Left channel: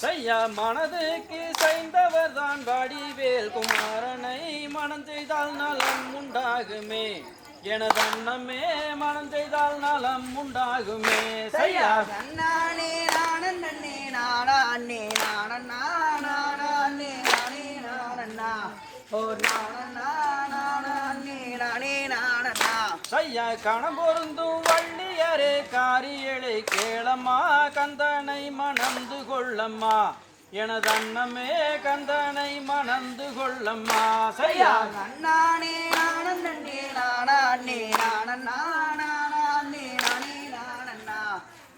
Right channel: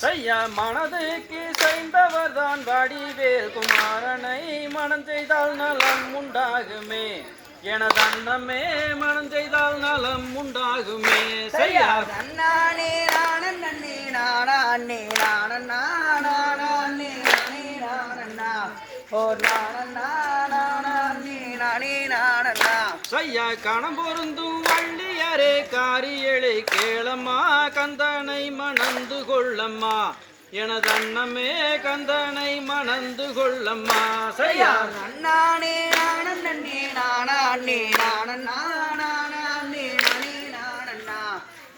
செய்ய மனதுக்கு செய்தவர் தான் வடிவேல் குமாரனை மனம் செய்தால் நலம் உண்டாகுமே. எனது அண்ணமே மனம் செய்தால் நலம் உண்டாகுமே. செய்யா. நானே நானே நானே நானே நானே நானே நானே ஓ நானே நானே. நானே நானே செய்ய கணம் பொருந்தும் வள்ளியரே காரியலை கேளம்மா கந்தனை மணந்து கொள்ளம்மா. எனதன்னமே கந்தனை மணந்து கொள்ளம்மா. செய்யா நானே நானே நானே நானே நானே நானே நானே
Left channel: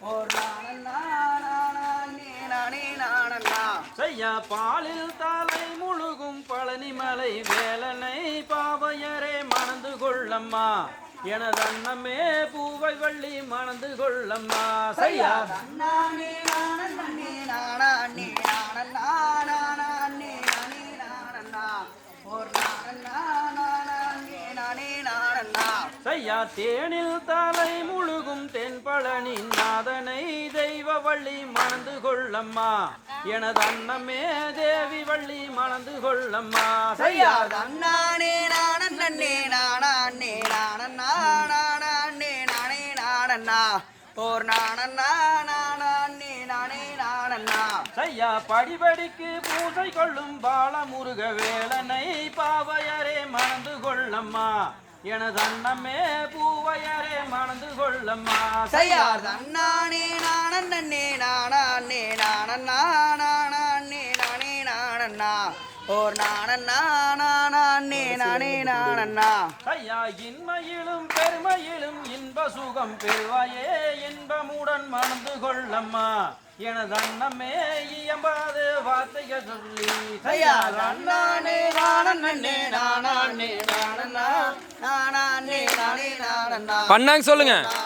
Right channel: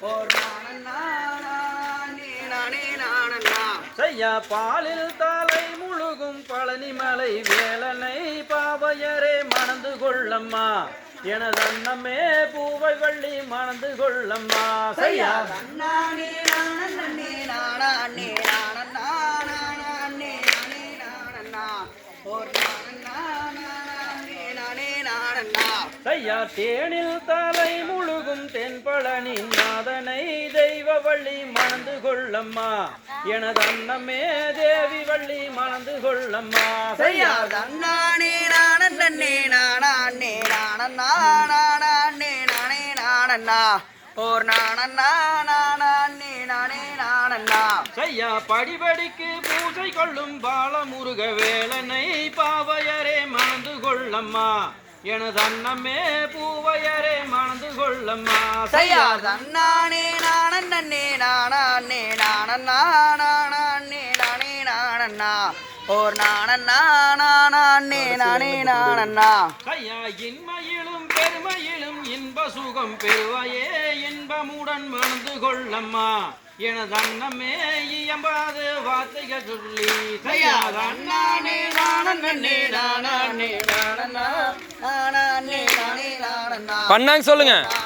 ஓ நானே நானே நானே நானே செய்ய பாலில் தலை முழுகும் பழனிமலை வேலனை பாவையரே மணந்து கொள்ளம்மா. எனதன்னமே பூவை வள்ளி மணந்து நானே நானே செய்யா தேனில் தலை முழுகும் தென்பழனி நாதனை தெய்வ வள்ளி மணந்து கொள்ளம்மா எனதன்னமே தேவி வள்ளி மணந்து கொள்ளம்மா செய்யா நானே நானே நானே ஓர் நானே நானே நானே நானே செய்யா படிபடிக்கு பூசை கொள்ளும் பாலமுருக வேலனை பாவையரே மணந்து கொள்ளம்மா. எனதன்னமே பூவையரே மணந்து கொள்ளம்மா. செய்யார் தன்னானே நானே நானே நானே நானே நானே நானே ஓர் நானே நானே நானே நானே ஐயா இன்மையிலும் பெருமையிலும் இன்ப சுகம் பெறுவாயே இன்பமுடன் மணந்து கொள்ளம்மா. எனது அன்னமே இயம்பாது வார்த்தைகள் சொல்லி செய்யார் செய்யாத தன்னானே நானே நானே நானே நானே நானே நானே பண்ணாங்க சொல்லுங்க. நானே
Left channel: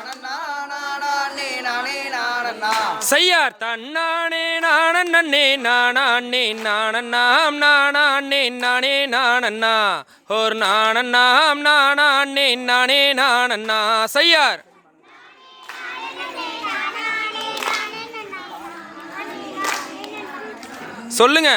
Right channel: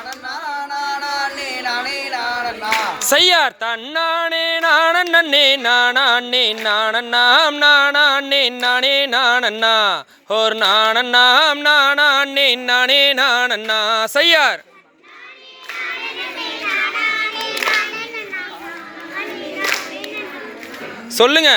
செய்யார் தன்னானே நானே நானே நானண்ணாம் நானே நானே நானண்ணா ஓர் நானண்ணாம் நானே நானே நானண்ணா செய்யார். சொல்லுங்க.